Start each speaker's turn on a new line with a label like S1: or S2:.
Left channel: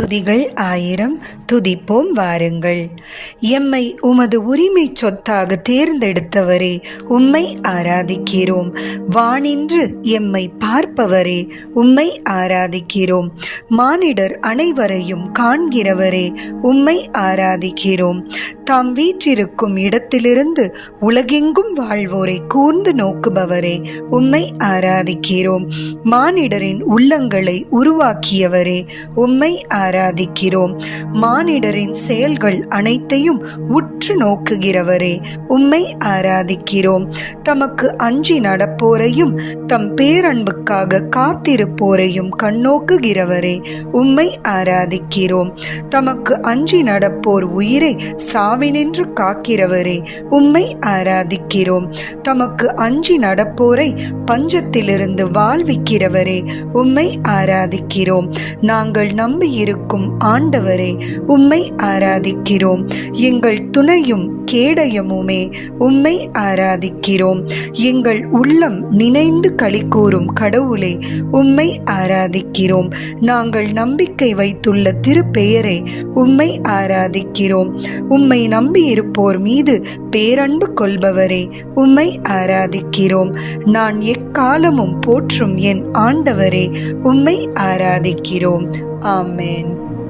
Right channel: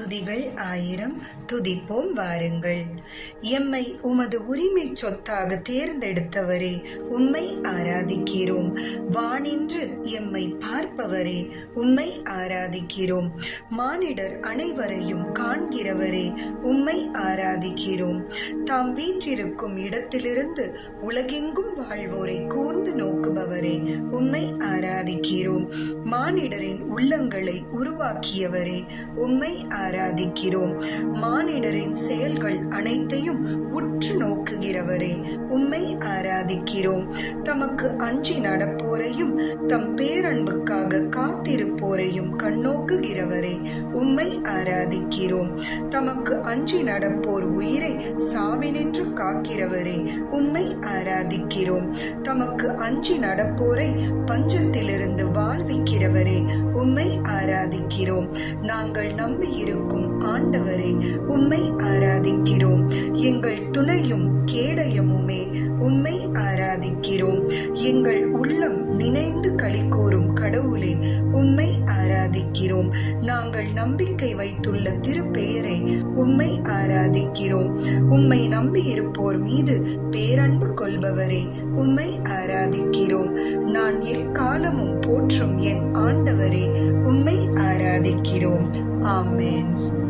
S1: துதிகள் ஆயிரம் துதிப்போம் வாருங்கள். எம்மை உமது உரிமை சொத்தாக தேர்ந்தெடுத்தவரே உம்மை ஆராதிக்கிறோம். வானின்று எம்மை பார்ப்பவரே உம்மை ஆராதிக்கிறோம். மானிடர் அனைவரையும் காண்கிறவரே உம்மை ஆராதிக்கிறோம். தாம் வீற்றிருக்கும் இடத்திலிருந்து உலகெங்கும் வாழ்வோரை கூர்ந்து நோக்குபவரே உம்மை ஆராதிக்கிறோம். மானிடரின் உள்ளங்களை உருவாக்கியவரே உம்மை ஆராதிக்கிறோம். மானிடரின் செயல்கள் அனைத்தையும் உற்று நோக்குகிறவரே உம்மை ஆராதிக்கிறோம். தமக்கு அஞ்சி நடப்போரையும் தம் பேரன்புக்காக காத்திருப்போரையும் கண்ணோக்குகிறவரே உம்மை ஆராதிக்கிறோம். தமக்கு அஞ்சி நடப்போர் உயிரை சாவினின்று காக்கிறவரே உம்மை ஆராதிக்கிறோம். தமக்கு அஞ்சி நடப்போரை பஞ்சத்திலிருந்து வாழ்விக்கிறவரே உம்மை ஆராதிக்கிறோம். நாங்கள் நம்பியிருக்கும் இருக்கும் ஆண்டவரே உம்மை ஆராதிக்கிறோம். எங்கள் துணையும் கேடயமுமே உம்மை ஆராதிக்கிறோம். எங்கள் உள்ளம் நினைந்து களிக்கூறும் கடவுளே உம்மை ஆராதிக்கிறோம். நாங்கள் நம்பிக்கை வைத்துள்ள திருப்பெயரை உம்மை ஆராதிக்கிறோம். உம்மை நம்பியிருப்போர் மீது பேரன்பு கொள்பவரே உம்மை ஆராதிக்கிறோம். நான் எக்காலமும் போற்றும் என் ஆண்டவரே உம்மை ஆராதிக்கிறோம். ஆமேன்.